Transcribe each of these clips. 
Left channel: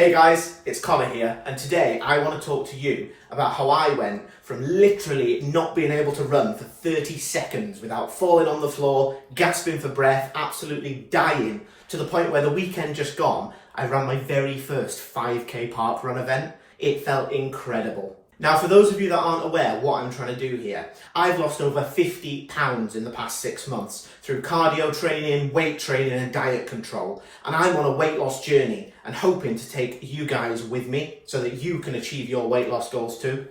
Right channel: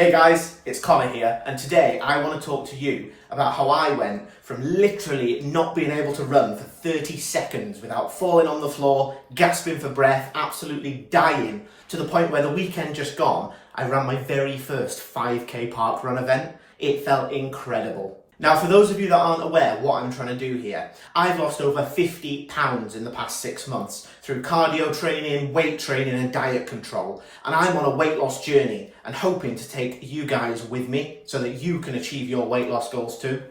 Hey guys, it's Connor here, and today I want to talk to you about how I went from literally not being able to run for 30 seconds without falling on the floor, gasping for breath, absolutely dying, to the point where the weekend just gone, I ran my very first 5k park run event. It felt incredible. Now, for those of you that aren't aware what I'm trying to do here, I've lost over 50 pounds in the past 6 months through cardio training, weight training and diet control. And I'm on a weight loss journey and hoping to take you guys with me so that you can achieve your weight loss goals too.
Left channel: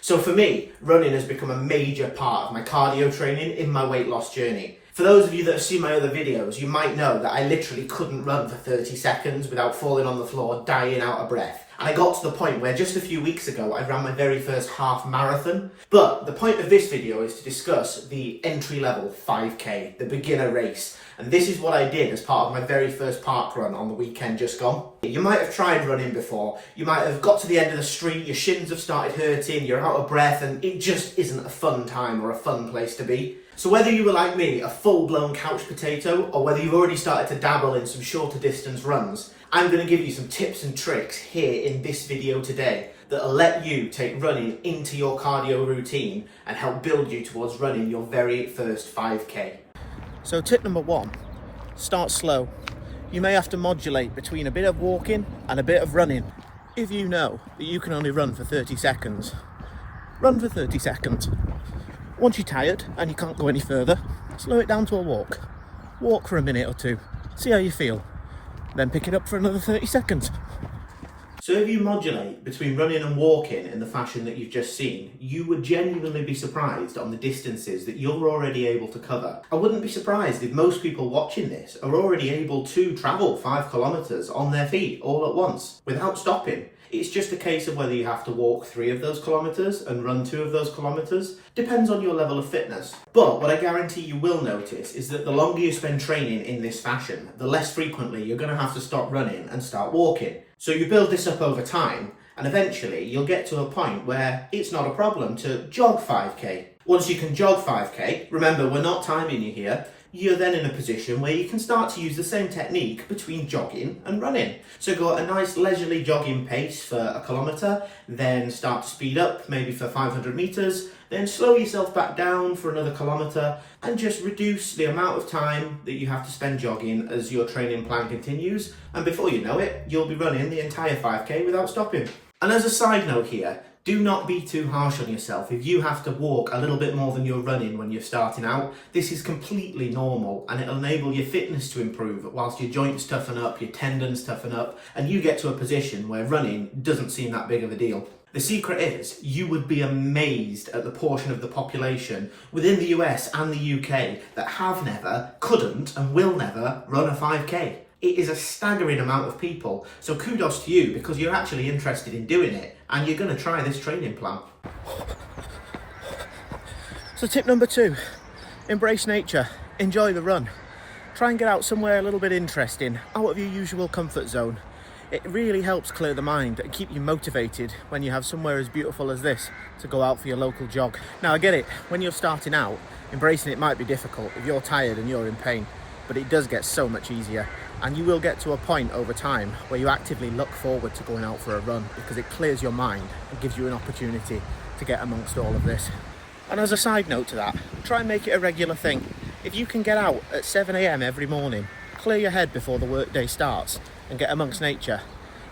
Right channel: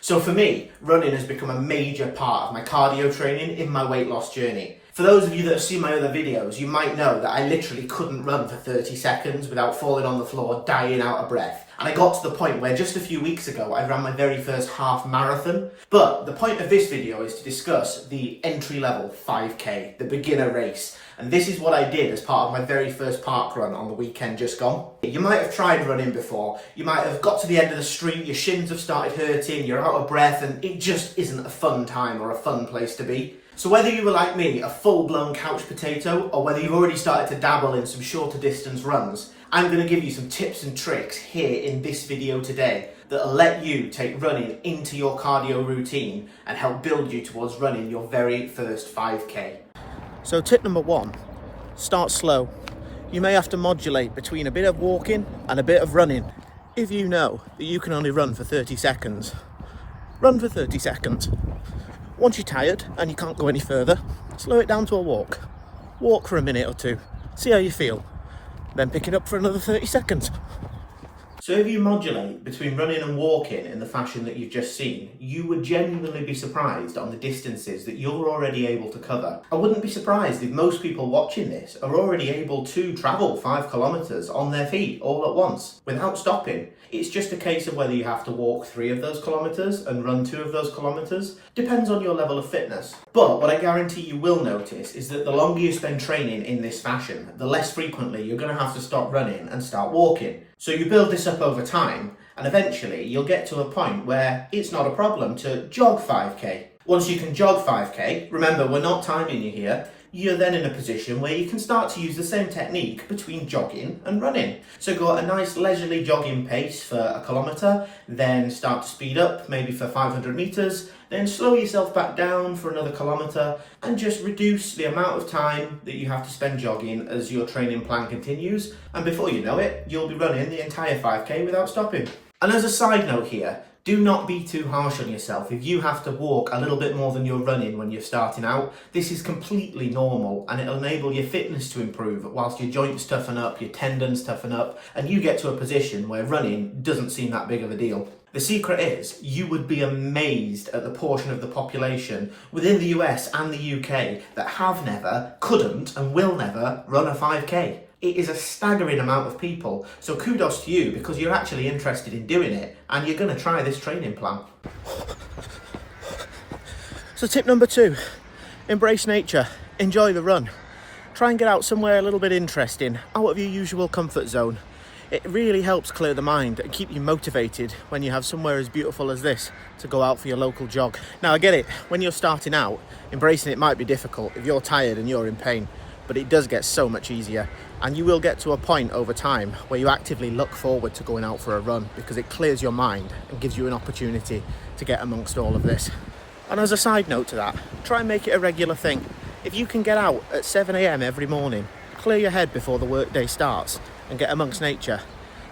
So for me, running has become a major part of my cardio training in my weight loss journey. For those of you that have seen my other videos, you might know that I literally couldn't run for 30 seconds without falling on the floor, dying out of breath. And I got to the point where just a few weeks ago, I ran my very first half marathon. But the point of this video is to discuss the entry-level 5k, the beginner race. And this is what I did as part of my very first park run on the weekend just gone. You might have tried running before. You might have got to the end of the street, your shins have started hurting, you're out of breath, and it just isn't a fun time or a fun place to be. So whether you were like me, a full-blown couch potato, or whether you've already started to dabble in some shorter distance runs, I'm going to give you some tips and tricks here in this video today that'll let you take running into your cardio routine and help build you towards running your very first 5k. So tip number one, start slow. You may have to modulate between a bit of walking and a bit of running. If you know that you can only run for 30 seconds, run for 30 seconds. Once you're tired and you can't go any further, slow it down to a walk. Walk for a minute or two, see how you feel, then pick it up for another 30 seconds. So if you modulate between running and walking in the fashion that you've just seen, you would genuinely be surprised on the distances that you're already able to cover. I wouldn't be surprised if most people watching this are already able to travel 5 kilometers on their feet all at once without stopping. It's just a case of whether you have to walk 3 of those kilometers and run 2 of those kilometers. Depends on your level of fitness. But what I guarantee you will notice is that the longer you spend training in this fashion, the less frequently you're going to have to stop running and start walking. So you build this up over time, and eventually you'll get to a point where it's not a problem to jog 5k. Once you can jog 5k, remember we're not timing you here, you're then in a position where you can start to use the same technique between jogging and running. So go at a nice leisurely jogging pace for a kilometre, then start to speed up, maybe for 500 metres, then slow yourself back down for another kilometre, and just reduce the amount of time that you have to spend jogging as your training plan continues. And before you know it, you'll be running the entire 5k without stopping. And as a side note here, do not be too harsh on yourself if you have to walk a little bit more than you're running when you're starting out. This is completely normal and it'll enable your fitness to improve whilst your joints toughen up, your tendons toughen up, and you get to a position where running doesn't seem that big of a deal. The secret is, you would be amazed at the portion of the population within the US and the UK that have never, couldn't and will never run a 5k. It is a staggering amount of people, so kudos to you because you're actually interested in doing it and you're going to try this training plan. So tip number 2, embrace nature, enjoy the run. Try and get out somewhere a little bit interesting, out of your usual comfort zone. It really helps clear the mind and keep you motivated when you have somewhere as beautiful as this to go out for your local jog. Now I get it, when you're starting out, embracing it might be difficult if you're tired and you're in pain, but it does get so much easier. And you will get to a point over time where you actively look forward to going out for a run because it clears your mind and gives you an opportunity to get amongst all of this. And as a side note to that, try and make it a regular thing. If you can get out at 7 a.m. every morning, clear your head before the workday starts and get amongst nature,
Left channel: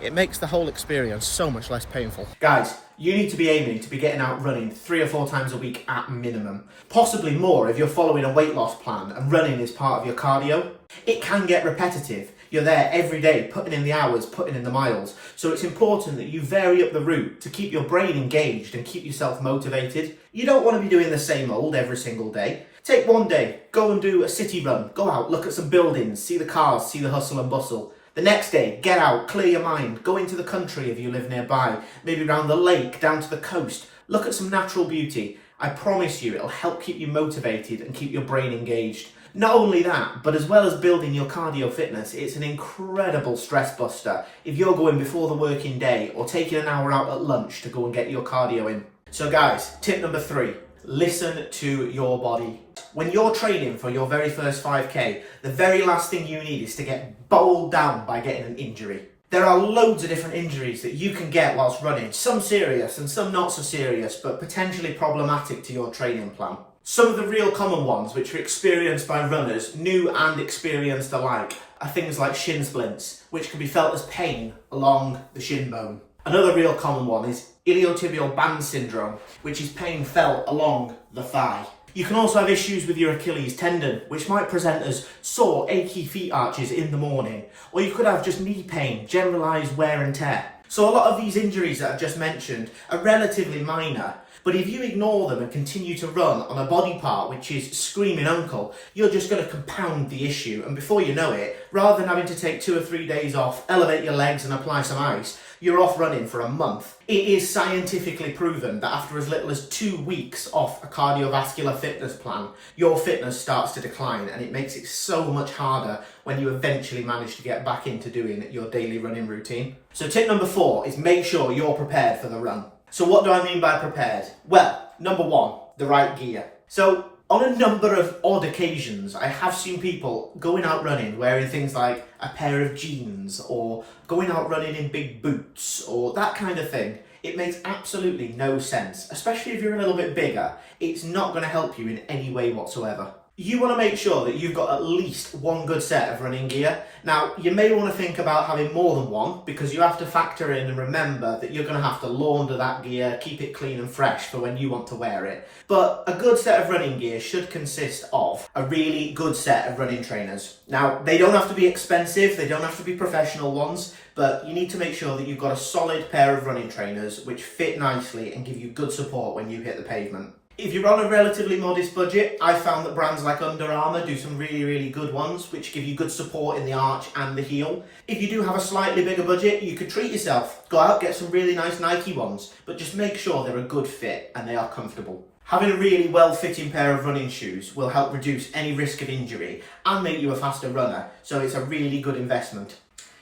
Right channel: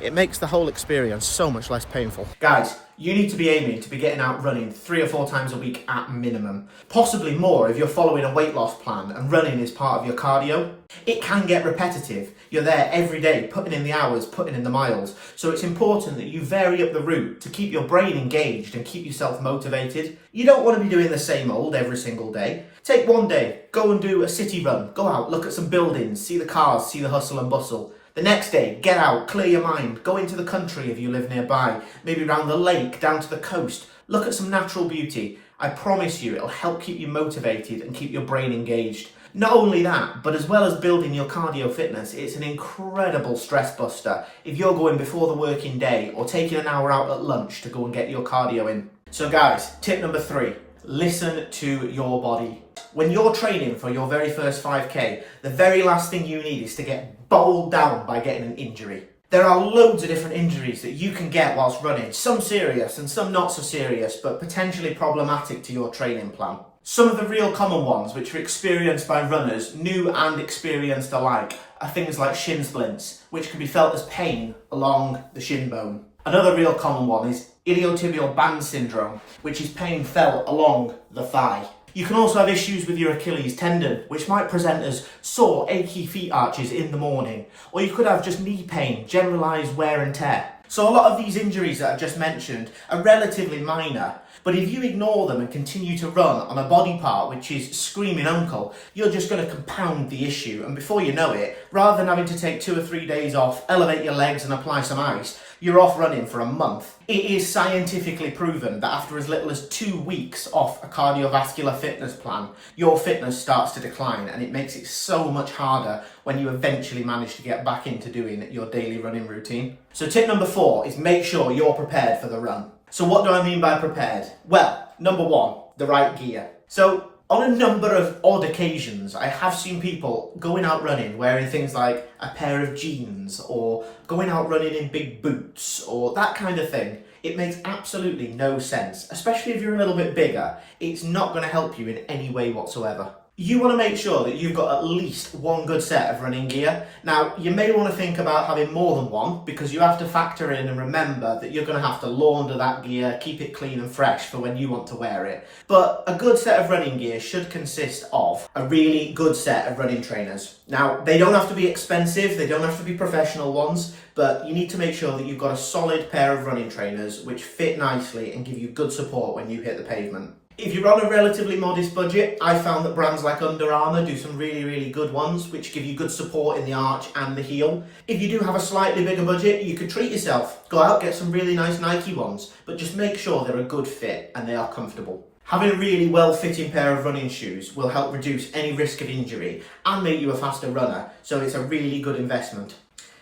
it makes the whole experience so much less painful. Guys, you need to be aiming to be getting out running 3 or 4 times a week at minimum. Possibly more if you're following a weight loss plan and running is part of your cardio. It can get repetitive. You're there every day, putting in the hours, putting in the miles. So it's important that you vary up the route to keep your brain engaged and keep yourself motivated. You don't want to be doing the same old every single day. Take one day, go and do a city run. Go out, look at some buildings, see the cars, see the hustle and bustle. The next day, get out, clear your mind, go into the country if you live nearby, maybe around the lake, down to the coast, look at some natural beauty. I promise you it'll help keep you motivated and keep your brain engaged. Not only that, but as well as building your cardio fitness, it's an incredible stress buster if you're going before the working day or taking an hour out at lunch to go and get your cardio in. So guys, tip number 3, listen to your body. When you're training for your very first 5k, the very last thing you need is to get bowled down by getting an injury. There are loads of different injuries that you can get whilst running, some serious and some not so serious, but potentially problematic to your training plan. Some of the real common ones, which are experienced by runners, new and experienced alike, are things like shin splints, which can be felt as pain along the shin bone. Another real common one is iliotibial band syndrome, which is pain felt along the thigh. You can also have issues with your Achilles tendon, which might present as sore, achy feet arches in the morning. Or you could have just knee pain, generalised wear and tear. So a lot of these injuries that I've just mentioned are relatively minor, but if you ignore them and continue to run on a body part which is screaming uncle, you're just going to compound the issue, and before you know it, rather than having to take 2 or 3 days off, elevate your legs and apply some ice, you're off running for a month. It is scientifically proven that after as little as 2 weeks off a cardiovascular fitness plan, your fitness starts to decline, and it makes it so much harder when you eventually manage to get back into doing your daily running routine. So tip number 4 is make sure you're prepared for the run. So what do I mean by prepared? Well, number 1, the right gear. So on a number of odd occasions, I have seen people going out running wearing things like a pair of jeans or going out running in big boots or that kind of thing. It makes absolutely no sense, especially if you're a little bit bigger. It's not going to help you in any way whatsoever. You want to make sure that you've got at least one good set of running gear. Now, you may want to think about having more than one because you have to factor in and remember that you're going to have to launder that gear, keep it clean and fresh for when you want to wear it. But a good set of running gear should consist of a really good set of running trainers. Now, they don't have to be expensive, they don't have to be professional ones, but you need to make sure that you've got a solid pair of running trainers which fit nicely and give you good support when you hit the pavement. If you're on a relatively modest budget, I found that brands like Under Armour do some really good ones, which give you good support in the arch and the heel. If you do have a slightly bigger budget, you could treat yourself. Go out, get some really nice Nike ones, but just make sure they're a good fit and they are comfortable. Having a really well-fitting pair of running shoes will help reduce any risk of injury and make you a faster runner, so it's a really good investment.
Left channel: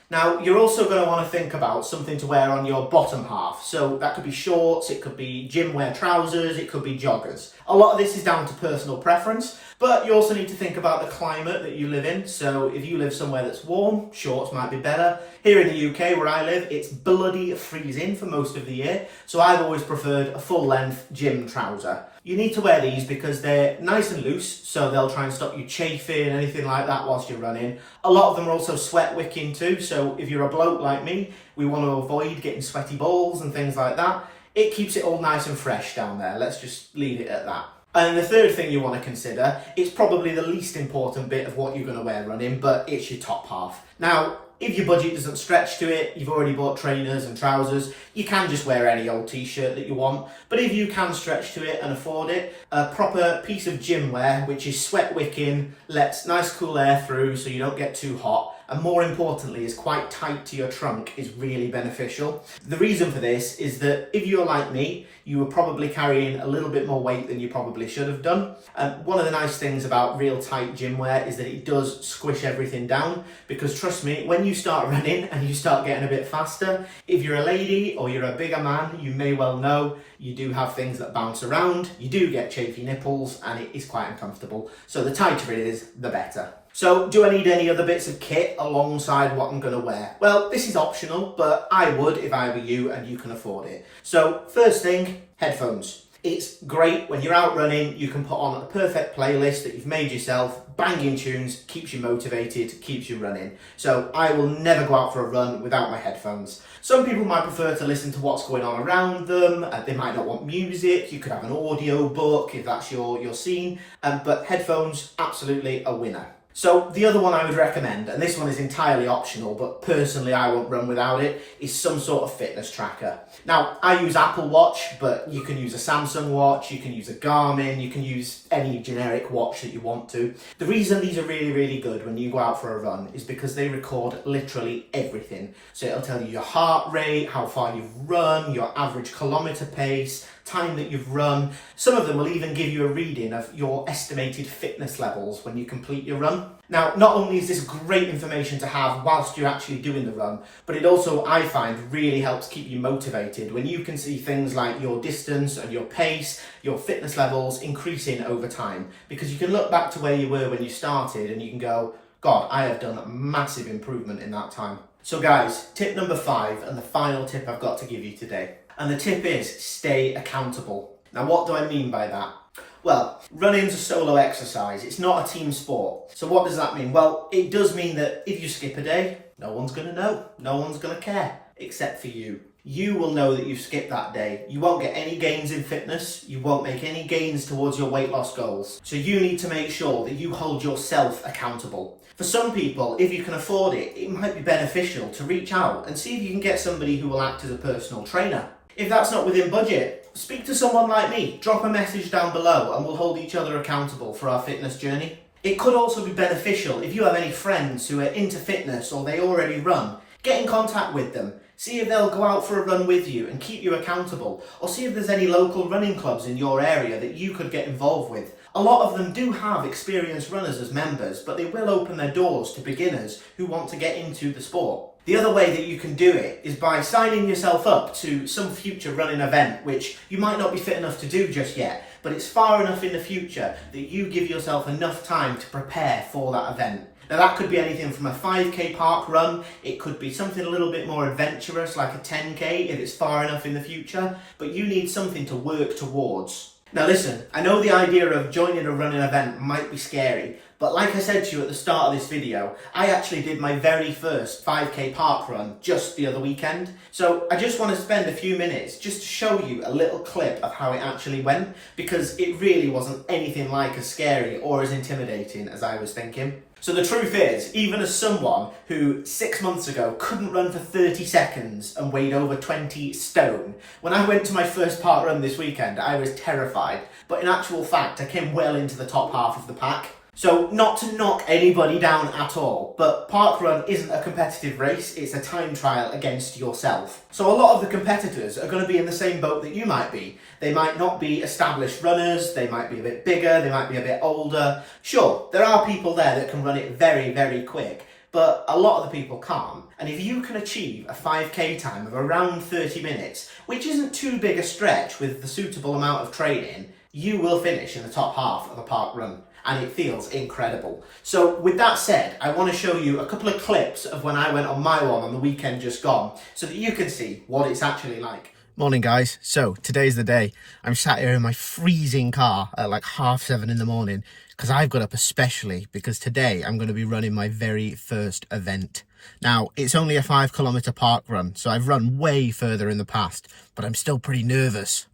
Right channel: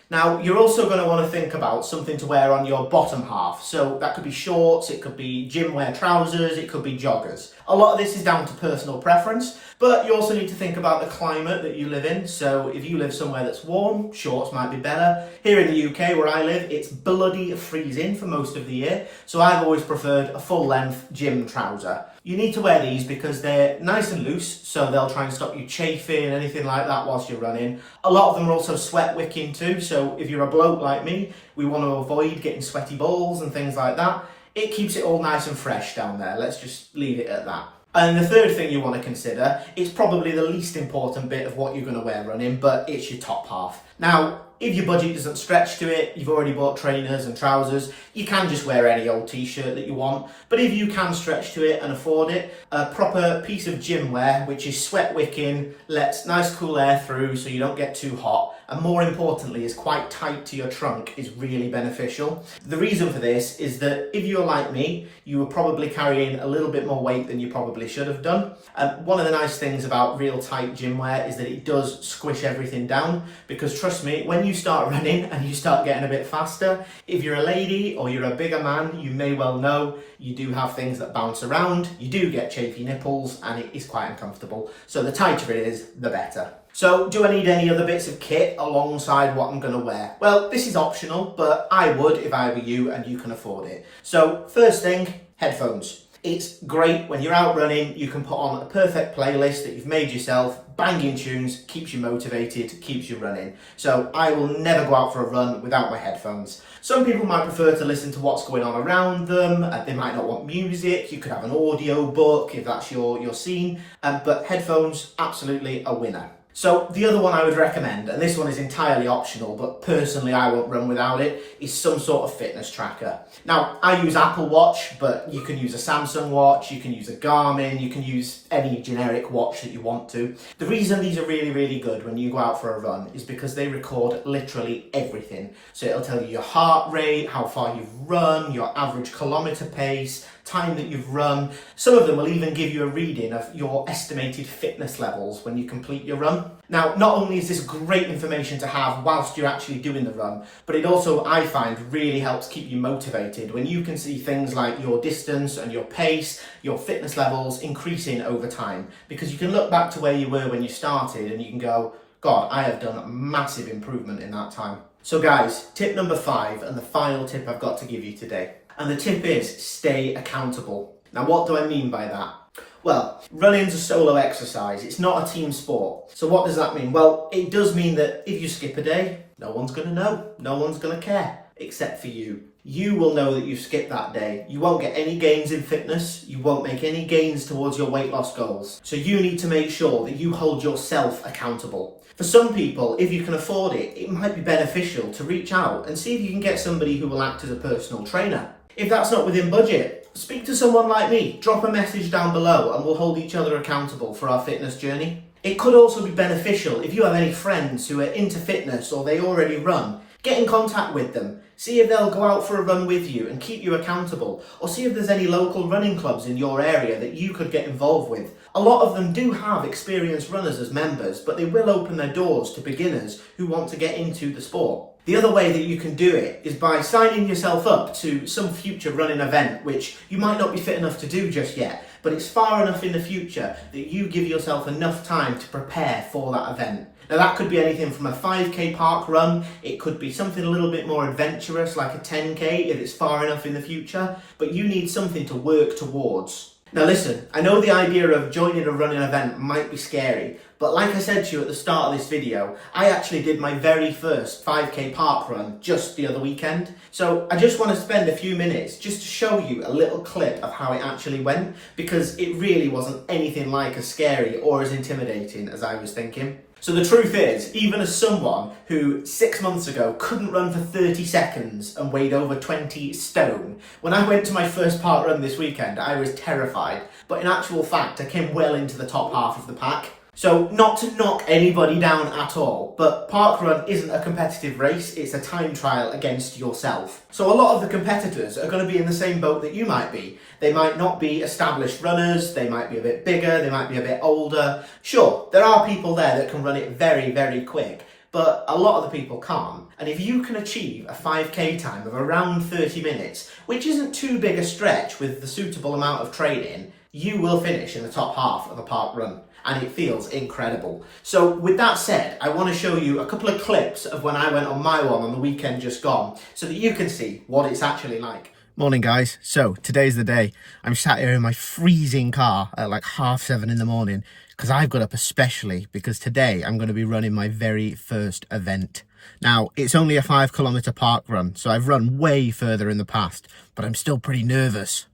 Now, you're also going to want to think about something to wear on your bottom half. So that could be shorts, it could be gym wear trousers, it could be joggers. A lot of this is down to personal preference, but you also need to think about the climate that you live in. So if you live somewhere that's warm, shorts might be better. Here in the UK, where I live, it's bloody freezing for most of the year. So I've always preferred a full-length gym trouser. You need to wear these because they're nice and loose, so they'll try and stop you chafing, anything like that whilst you're running. A lot of them are also sweat wicking too, so if you're a bloke like me, we want to avoid getting sweaty balls and things like that. It keeps it all nice and fresh down there, let's just leave it at that. And the third thing you want to consider is probably the least important bit of what you're going to wear running, but it's your top half. Now, if your budget doesn't stretch to it, you've already bought trainers and trousers, you can just wear any old t-shirt that you want. But if you can stretch to it and afford it, a proper piece of gym wear, which is sweat wicking, lets nice cool air through so you don't get too hot, and more importantly is quite tight to your trunk, is really beneficial. The reason for this is that if you're like me, you were probably carrying a little bit more weight than you probably should have done. One of the nice things about real tight gym wear is that it does squish everything down, because trust me, when you start running and you start getting a bit faster, if you're a lady or you're a bigger man, you may well know you do have things that bounce around, you do get chafy nipples, and it is quite uncomfortable. So the tighter it is, the better. So do I need any other bits of kit alongside what I'm going to wear? Well, this is optional, but I would if I were you and you can afford it. So first thing, headphones. It's great when you're out running, you can put on a perfect playlist that you've made yourself, banging tunes, keeps you motivated, keeps you running. So I will never go out for a run without my headphones. Some people might prefer to listen to what's going on around them, they might not want music, you could have an audio book if that's your scene, but headphones, absolutely a winner. So the other one I would recommend, and this one is entirely optional, but personally I won't run without it, is some sort of fitness tracker. Now, I use Apple Watch, but you can use a Samsung watch, you can use a Garmin, you can use any generic watch that you want to. The reason these are really good when you go out for a run is because they record literally everything. So it'll tell you your heart rate, how far you've run, your average kilometre pace, time that you've run. Some of them will even give you a reading of your estimated fitness levels when you complete your run. Now, not only is this great information to have whilst you're actually doing the run, but it also, I find, really helps keep you motivated when you can see things like your distance and your pace, your fitness levels increasing over time. Because you can look back to where you were when you started and you can go, God, I have done a massive improvement in that time. So guys, tip number 5 and the final tip I've got to give you today. And the tip is stay accountable. Now what do I mean by that? Well, running's a solo exercise, it's not a team sport. So what does that mean? Well, it does mean that if you skip a day, no one's gonna know, no one's gonna care, except for you. You will know that you skipped that day. You won't get any gains in fitness, you won't make any gains towards your weight loss goals. So you need to make sure that you hold yourself accountable. For some people, if you can afford it, it might be beneficial to reach out and see if you can get somebody who will act as a personal trainer. If that's not within budget, speak to someone like me, drop a message down below and we'll hold each other accountable for our fitness journey. It could also be beneficial if you have any friends who are into fitness or they already run. Get in contact with them, see if they'll go out for a run with you and keep you accountable, or see if there's any local running clubs in your area that you could get involved with. A lot of them do have experienced runners as members, but they will open their doors to beginners who want to get into the sport. The other way that you can do it is by signing yourself up to some future running event, which you might not be fit enough to do just yet, but it's far enough in the future that you give yourself enough time to prepare for that event. Now that could be anything from a 5k park run, it could be something a little bit more adventurous like a 10k if it's far enough in the future, but you need something to work towards. Now listen, I know the idea of joining a running event might be scary, but like I said to you at the start of this video, I actually did my very first 5k park run just the other weekend. So I just want to spend a few minutes just to show you a little clip of how it actually went, because it really wasn't anything like as scary or as intimidating as I was thinking. So the truth is, even as someone who 6 months ago couldn't run for 30 seconds and weighed over 20 stone, when I went to my first park run this weekend, I was terrified. But in actual fact, I came well into the top half of the pack. So not to knock anybody down at all, but parkrun isn't a competitive race, it's a time trial against yourself. So a lot of the competitors are going to be in the same boat that you might be. They might not be established runners, they might be a bit bigger, they might be a bit older. Sure, there are people there that can run it very, very quick, but a lot of the people can't. And if you can achieve a 5k time of around 30 minutes, which isn't too big a stretch with the suitable amount of training, you will finish in the top half of a park run. And it feels incredible. So with that said, I want to show you a couple of clips of when I went on my one on the weekend just gone, so that you can see what it's actually like. Morning guys, so today's the day. I'm sat here in my freezing car at like 7:30 in the morning, because I've got up especially because today I'm going to be running my very first event. Now, it's only a 5 km park run, so I've run way further in the past, but I'm still pretty nervous.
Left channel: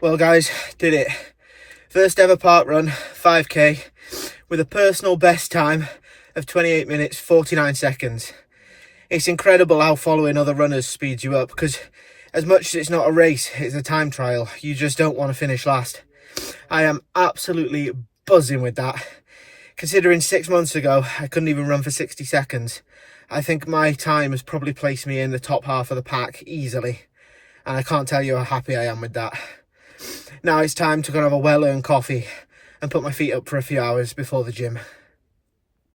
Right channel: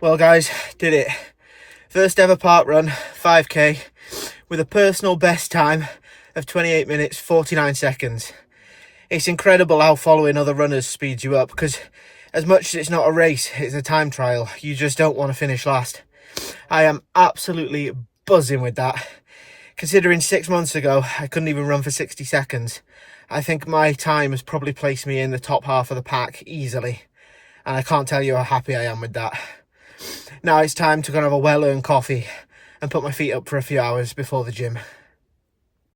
Well guys, did it. First ever park run, 5k, with a personal best time of 28 minutes 49 seconds. It's incredible how following other runners speeds you up, because as much as it's not a race, it's a time trial, you just don't want to finish last. I am absolutely buzzing with that. Considering 6 months ago, I couldn't even run for 60 seconds. I think my time has probably placed me in the top half of the pack easily. And I can't tell you how happy I am with that. Now it's time to go and have a well-earned coffee and put my feet up for a few hours before the gym.